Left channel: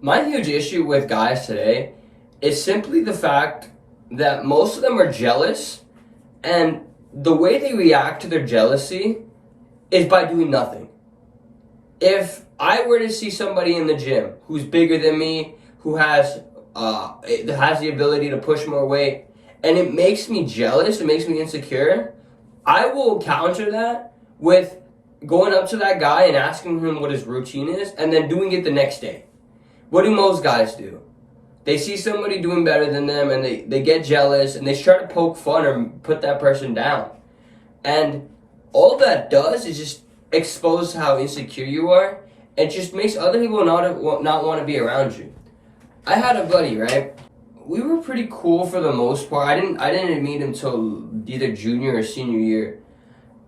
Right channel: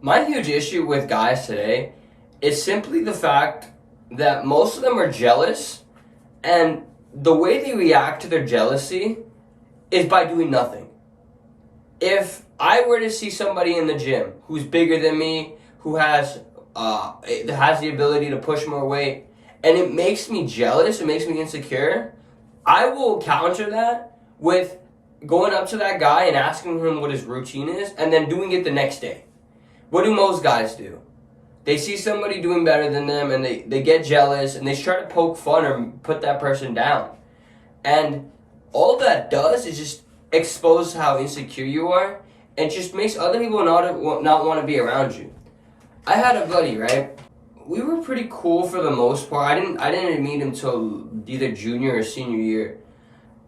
My huge issue with guys today is simply the fact that most of them are jealous, and the way they react to their jealousy is by doing nothing. If I were to see somebody in the gym who's bigger than me, who has the ability to push more weight, and it makes me jealous, it makes me insecure, I will counter that with going up to that guy and asking him what his routine is, and then doing it the next day. What do most guys do? They see somebody doing better than them and they get jealous and they try to poke fun or put that person down. And all that does is just expose how insecure you are. It just makes other people not want to be around you. I had a buddy, right? We were pretty cool for the most part. I didn't meet him till either junior or senior year.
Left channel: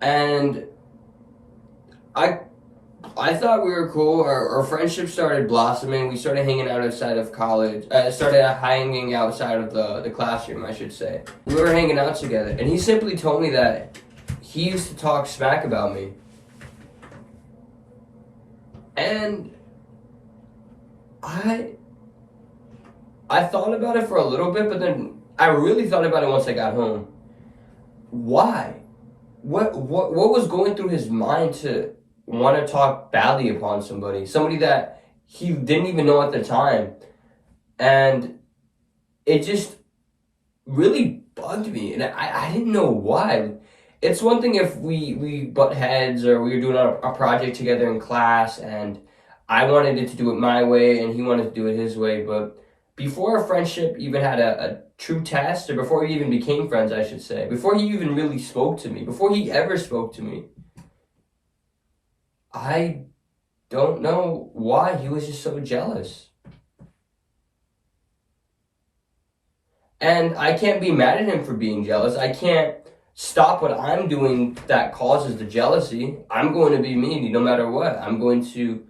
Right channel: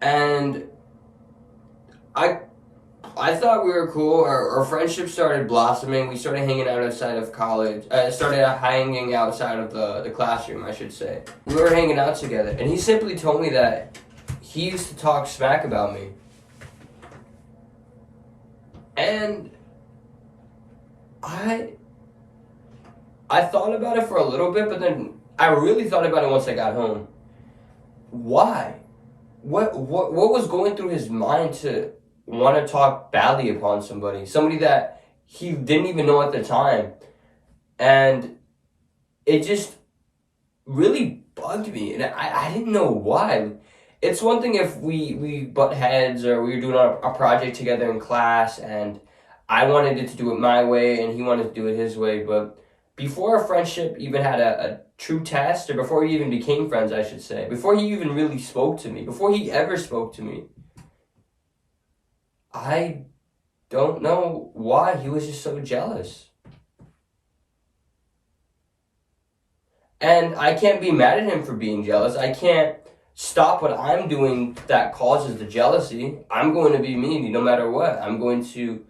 And I I thought we were cool. Our friendship started blossoming. We started hanging out outside of college. Started hanging outside of the classroom, I should say. We were hanging out together, and he simply told me that he used to talk smack about me. And I I thought about it for a little bit, but then I really thought about it once I got home. Why? What was going through his mind to want to talk badly upon somebody that he didn't even know at the time? And it just really bugged me, and I didn't know why. It's one thing if we butt heads or we were doing a project together in class, and I wanted it to do it my way and he wanted to do it his way, but before a friendship even had a true test, or before we even became friends, I should say, before he even really spoke to me, before he ever spoke to me, I don't know why he was just so jealous. And I can't be mad at him for being jealous. I can't stop what I'm doing that causes the jealousy. I'm going to be me no matter what. I'm going to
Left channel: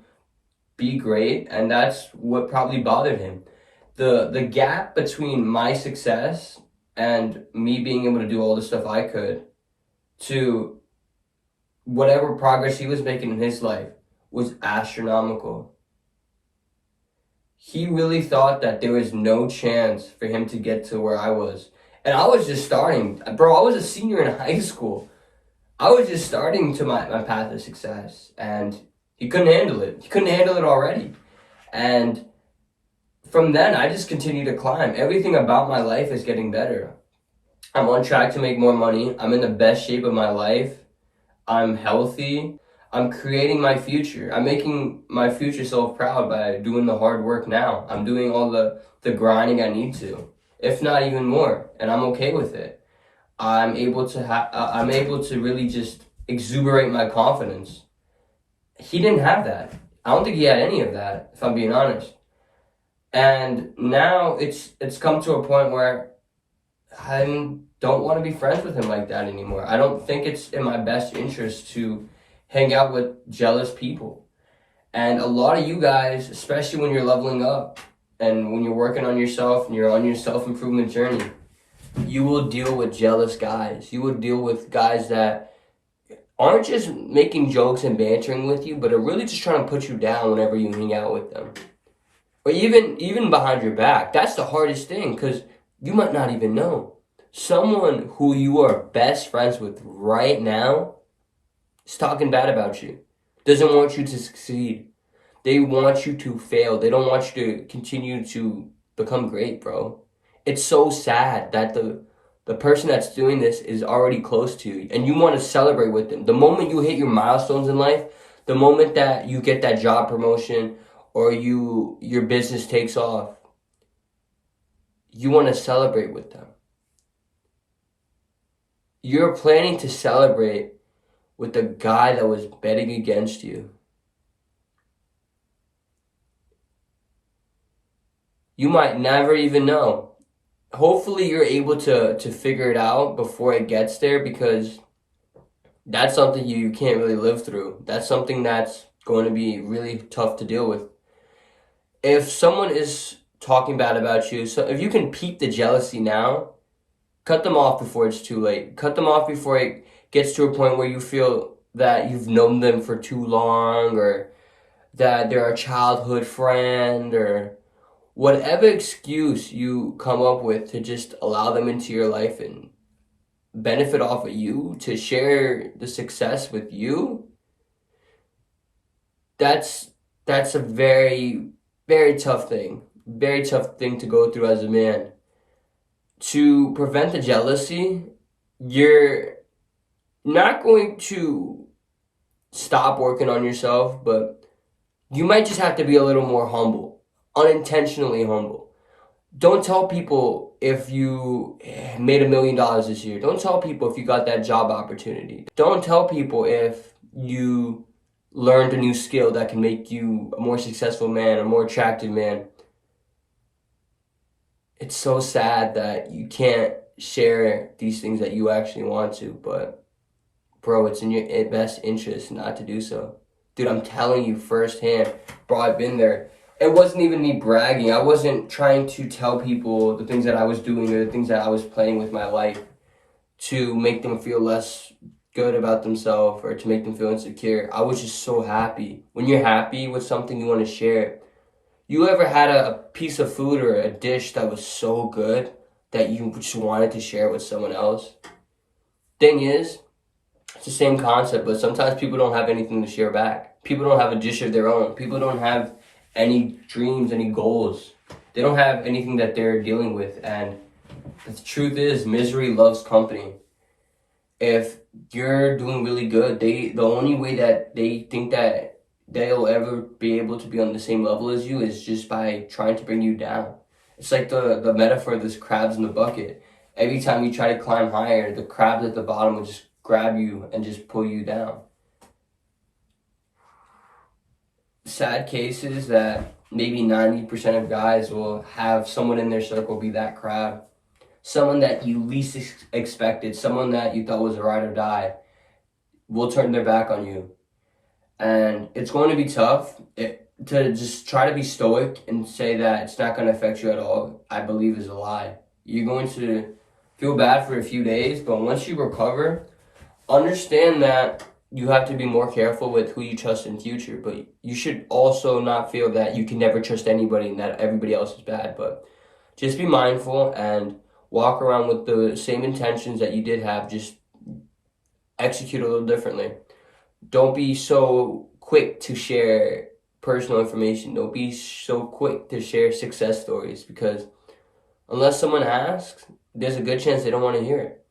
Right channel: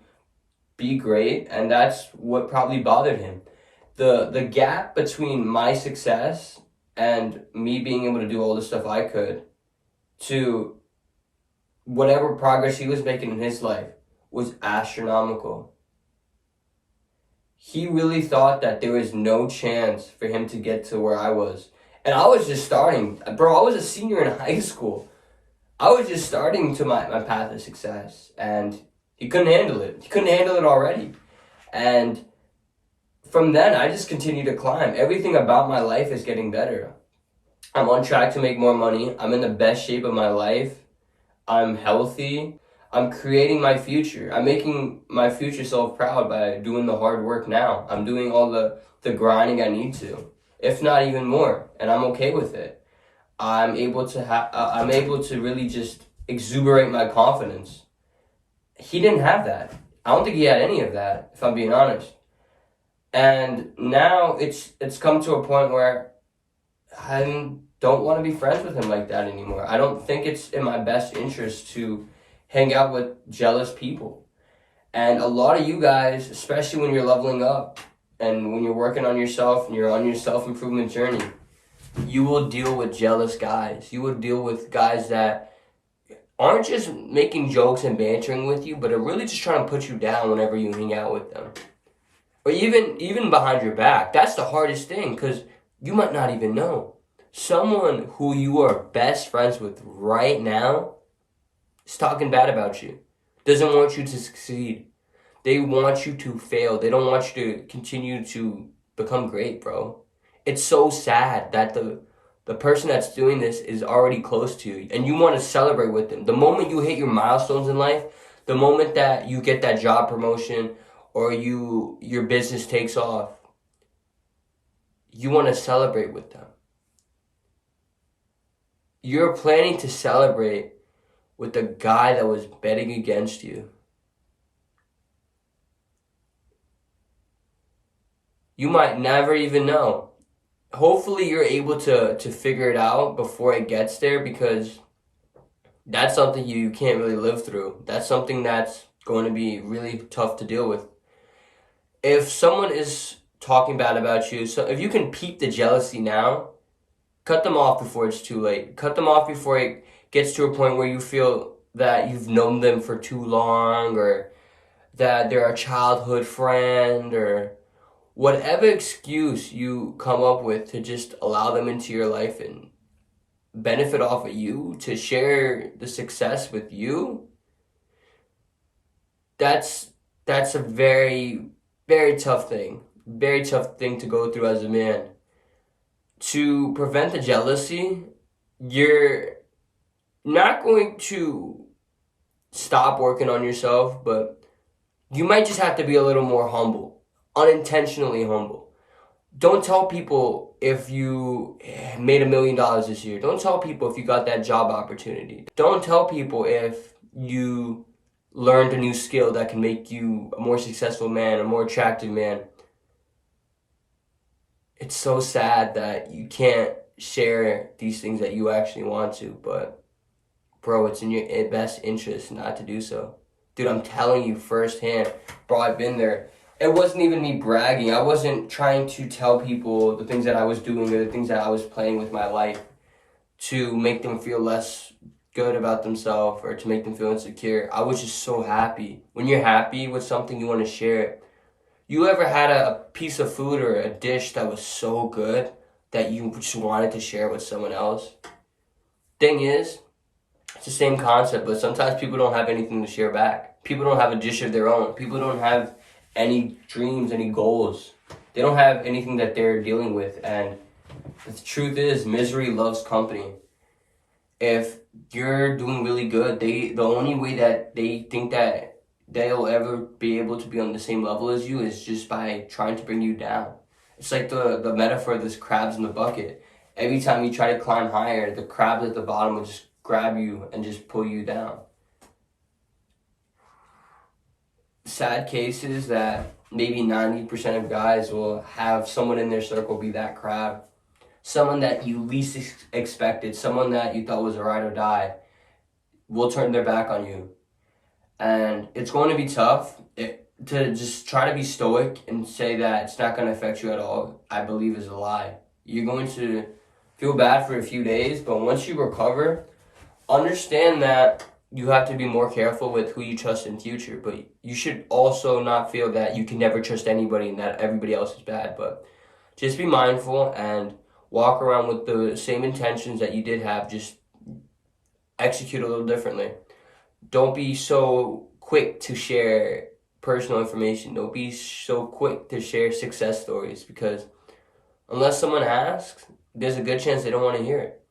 be great, and that's what probably bothered him. The gap between my success and me being able to do all the stuff I could to whatever progress he was making in his life was astronomical. He really thought that there was no chance for him to get to where I was. And I was just starting. Bro, I was a senior in high school. I was just starting to my path of success. And he couldn't handle it. He couldn't handle it already. And from then, I just continue to climb. Everything about my life is getting better. I'm on track to make more money. I'm in the best shape of my life. I'm healthy. I'm creating my future. I'm making my future self proud by doing the hard work now. I'm doing all the grinding I need to, if not even more, and I'm okay with it. I'm able to really just exuberate my confidence. He didn't have that. I don't think he had any of that, if I'm being honest. And now it's come to a point where I don't want to be friends with him like that anymore. I don't think it's in my best interest to hang out with jealous people. And a lot of you guys, especially when you're leveling up and when you're working on yourself and you're on your self-improvement journey, you will deal with jealous guys. You will deal with guys that aren't just making jokes and bantering with you, but are really just trying to put you down whenever you hang out with them. Or even behind your back. That's the hardest thing, because you might not even know. Someone who you are best friends with right now is talking bad about you. Doesn't want you to succeed. They want you to fail. They don't want you to continue to become great, bro. It's so sad that the person that's doing this is already close to you, and you want to celebrate with them. The moment you hit your milestones in life, the moment that you get that job promotion or your business takes off, you want to celebrate with them. You're planning to celebrate with the guy that was betting against you. You might never even know. Hopefully you're able to figure it out before it gets there, because that's something you can't really live through. That's something that's going to be really tough to deal with. If someone is talking bad about you, so if you can peep the jealousy now, cut them off before it's too late. Cut them off before it gets to a point where you feel that you've known them for too long, or that they're a childhood friend, or whatever excuse you come up with to just allow them into your life and benefit off of you, to share the success with you, that's that's a very, very tough thing. Very tough thing to go through as a man. To prevent the jealousy, you're not going to stop working on yourself, but you might just have to be a little more humble, unintentionally humble. Don't tell people if you made $1 million this year. Don't tell people if you got that job opportunity. Don't tell people if you learned a new skill that can make you a more successful man, a more attractive man. It's so sad that you can't share these things that you actually want to, but bro, it's in your best interest not to do so. Dude, I'm telling you firsthand, bro, I've been there. It wasn't even me bragging. I wasn't trying to tell people the things that I was doing or the things that I was playing with my life to make them feel less good about themselves or to make them feel insecure. I was just so happy. When you're happy with something, you want to share it. You ever had a piece of food or a dish that was so good that you just wanted to share it with someone else? Thing is, it's the same concept, but sometimes people don't have anything to share back. People don't have a dish of their own. People don't have any dreams, any goals. They don't have anything that they're dealing with. And the truth is, misery loves company. If you're doing really good, the only way that they think that they'll ever be able to be on the same level as you is just by trying to bring you down. It's like the metaphor of this crabs in the bucket. Every time you try to climb higher, the crabs at the bottom will just grab you and just pull you down. Sad case is that maybe 90% of guys will have someone in their circle be that crab. Someone that you least expected, someone that you thought was a ride or die, will turn their back on you. And it's going to be tough to just try to be stoic and say that it's not going to affect you at all. I believe is a lie. You're going to feel bad for a few days, but once you recover, understand that you have to be more careful with who you trust in future. But you should also not feel that you can never trust anybody and that everybody else is bad. But just be mindful and walk around with the same intentions that you did have, just execute a little differently. Don't be so quick to share personal information. Don't be so quick to share success stories, because unless someone asks, there's a good chance they don't want to hear it.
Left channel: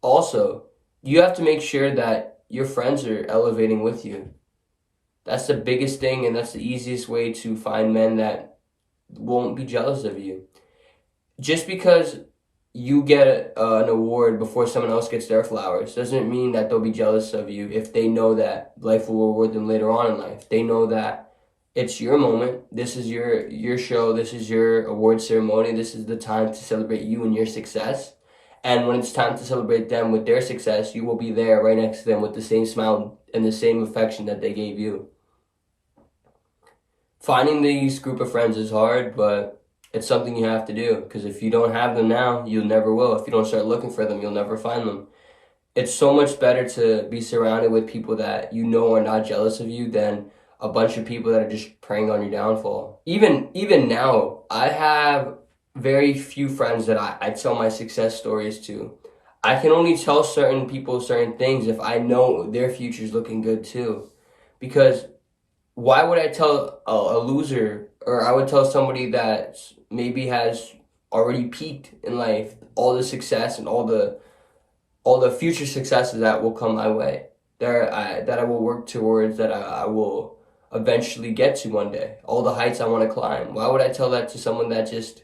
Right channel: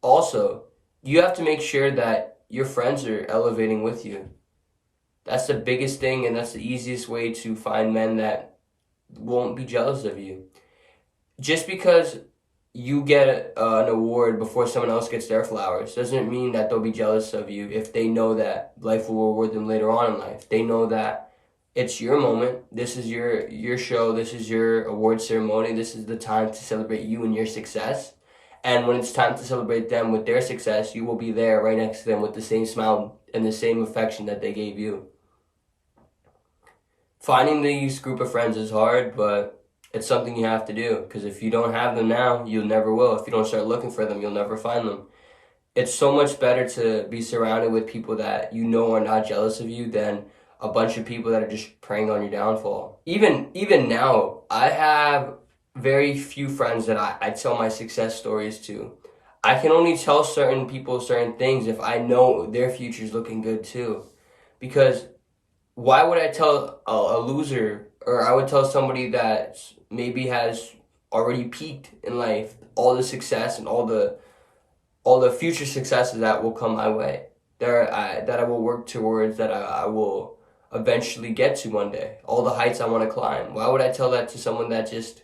Also, you have to make sure that your friends are elevating with you. That's the biggest thing, and that's the easiest way to find men that won't be jealous of you. Just because you get an award before someone else gets their flowers doesn't mean that they'll be jealous of you if they know that life will reward them later on in life. They know that it's your moment. This is your show. This is your award ceremony. This is the time to celebrate you and your success. And when it's time to celebrate them with their success, you will be there right next to them with the same smile and the same affection that they gave you. Finding these group of friends is hard, but it's something you have to do, because if you don't have them now, you never will. If you don't start looking for them, you'll never find them. It's so much better to be surrounded with people that you know are not jealous of you than a bunch of people that are just preying on your downfall. Even now, I have very few friends that I tell my success stories to. I can only tell certain people certain things if I know their future's looking good too. Because why would I tell a loser, or I would tell somebody that maybe has already peaked in life, all the success and all the future successes that will come my way, that I will work towards, that I will eventually get to one day, all the heights I want to climb? Why would I tell that to someone that just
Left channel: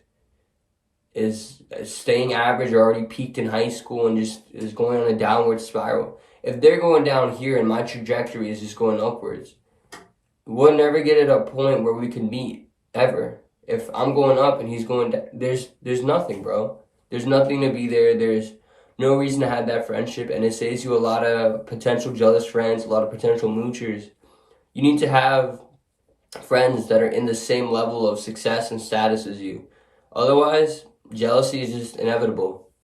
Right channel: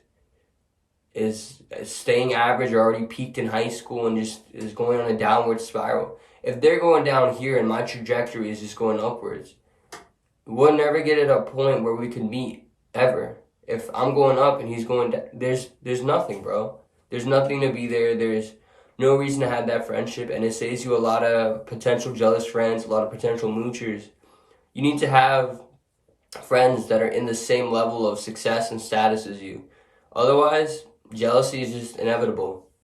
is staying average or already peaked in high school and just is going on a downward spiral? If they're going down here and my trajectory is just going upwards, we'll never get at a point where we can meet, ever. If I'm going up and he's going down, there's nothing, bro. There's nothing to be there. There's no reason to have that friendship, and it saves you a lot of potential jealous friends, a lot of potential moochers. You need to have friends that are in the same level of success and status as you. Otherwise, jealousy is just inevitable.